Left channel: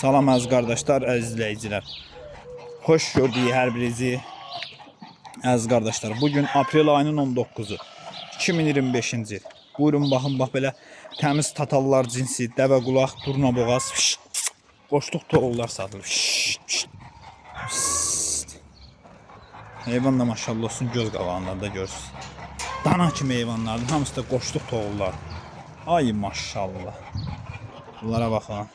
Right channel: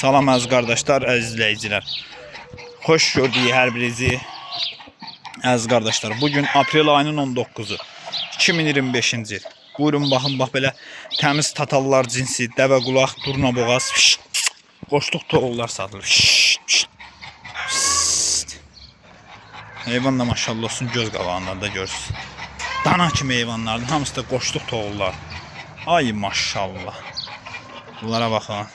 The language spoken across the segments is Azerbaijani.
Salam əziz qardaşlar, əziz izləyicilər. Xoş gördük hər birinizi. Əziz qardaşlar, bugün aprel ayının 19-u 2025-ci il. Buyurun baxın, bax belə təmiz tatallar cinsi, dəvə qulaq, durna boğaz, qoşluq toğullar satılır. Heyvan da maşallah olsun, göz qabağında da görürsünüz. Dana kimi heyvanlardır, hamısı da qoşluq toğullar. Ay maşallah. Bunlara baxın.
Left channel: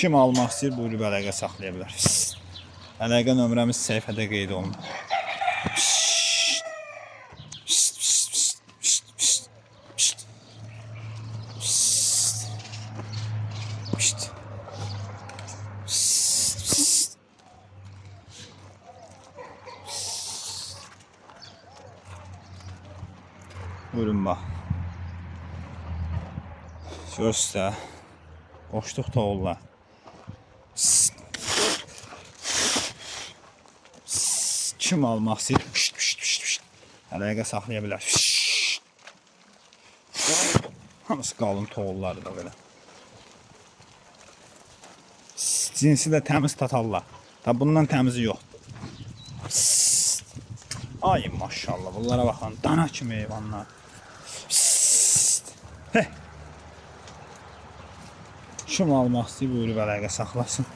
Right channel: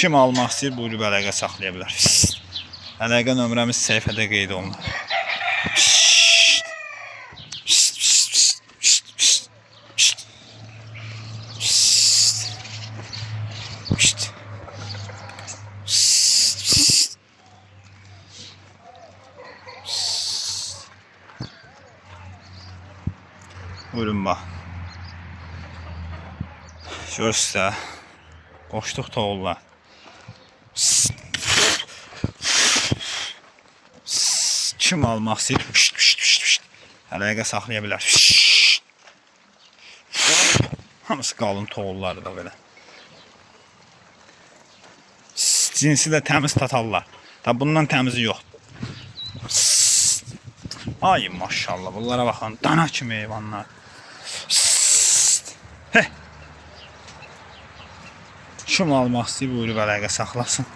Kim almaq istəyir, buyurub əlaqə saxlaya bilər. Əlaqə nömrəmiz səhifədə qeyd olunur. Buyurun bax. Görürsünüz də, qoşluq toğullar. Kim almaq istəyir, əlaqə saxlaya bilər. Hamısı qalın toğullardır da belə. Cinsi də təmiz tatallar. Tabi bundan təmizi yoxdur. Ay maşallah, bunlara baxın, dana kimi heyvanlar. Kim almaq istəyir, buyurub əlaqə saxlasın.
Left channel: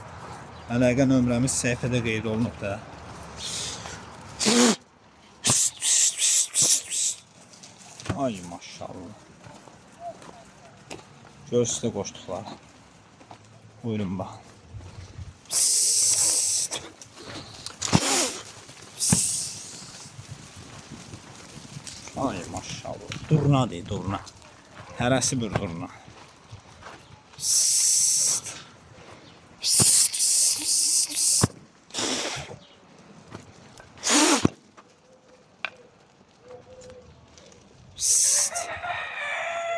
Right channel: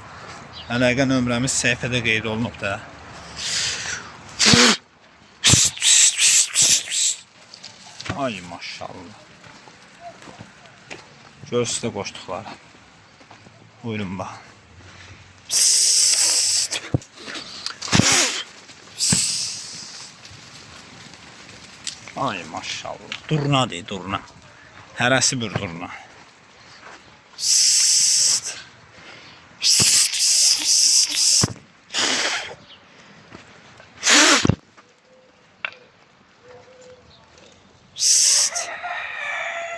Əlaqə nömrəmiz səhifədə qeyd olunub da. Ay maşallah. Görürsünüz də qoşduqları. Buyurun bax. Ay maşallah. Durna deyil, durna. Hərəsi bir durna.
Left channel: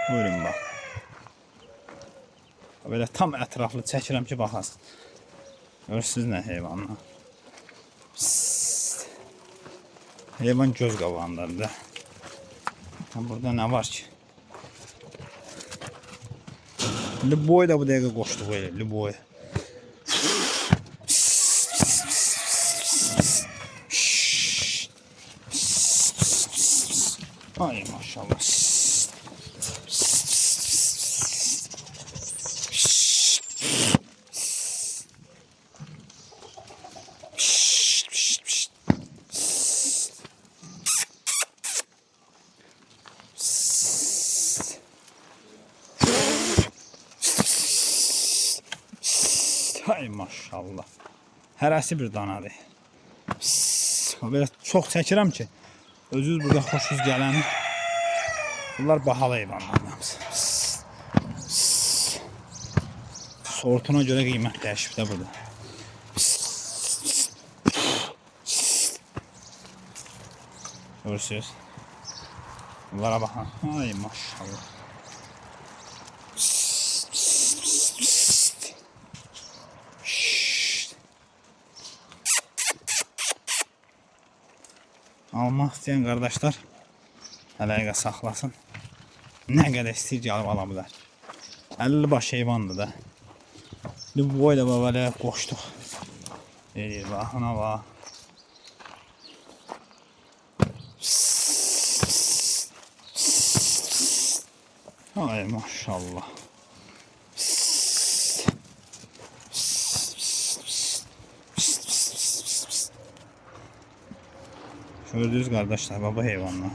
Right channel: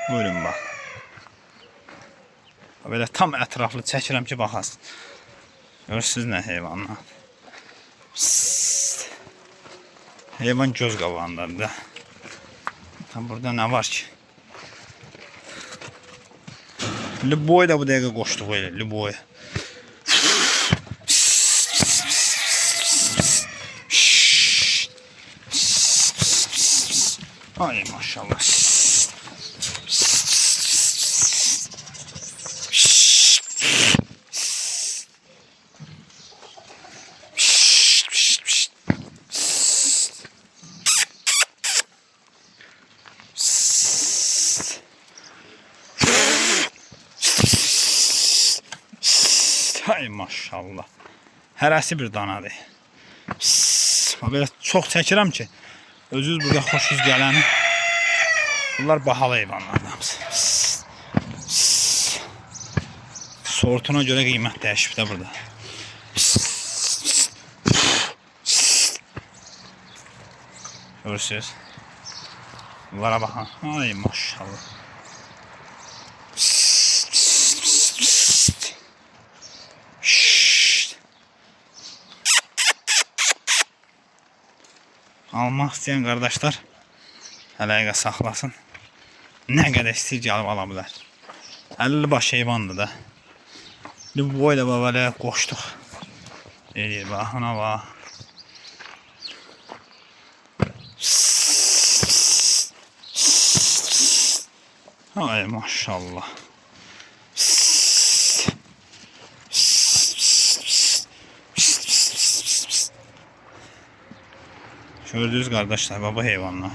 Buyurun bax. Belə tam ətraflı çəkirəm ki, baxasın. Görürsünüz nə heyvanlar. Heyvan göz qabağındadır da. Burada nə var ki? Liboy da bu dəqiqə qoşduq elə, liboy. Ay maşallah. Ay maşallah. Hərəsi bir danadır. Belə çox çəkirəm ki, özünüz burada xoşunuz gələni. Bunlar bahalı heyvanlardır hamısı. Sortuna görə qiymət dəyişib də burada. Görürsünüz. Bunlara baxın. Ay maşallah. Almaq istəyən qardaşlar əlaqə saxlasın. Nə qədər istəyir gəlib ala bilər. 50 baş heyvandır da. Boy da belə qoşduq. Deyir, bax, ona bax. Ay maşallah. Gördünüz qardaşlar, baba heyvanlar.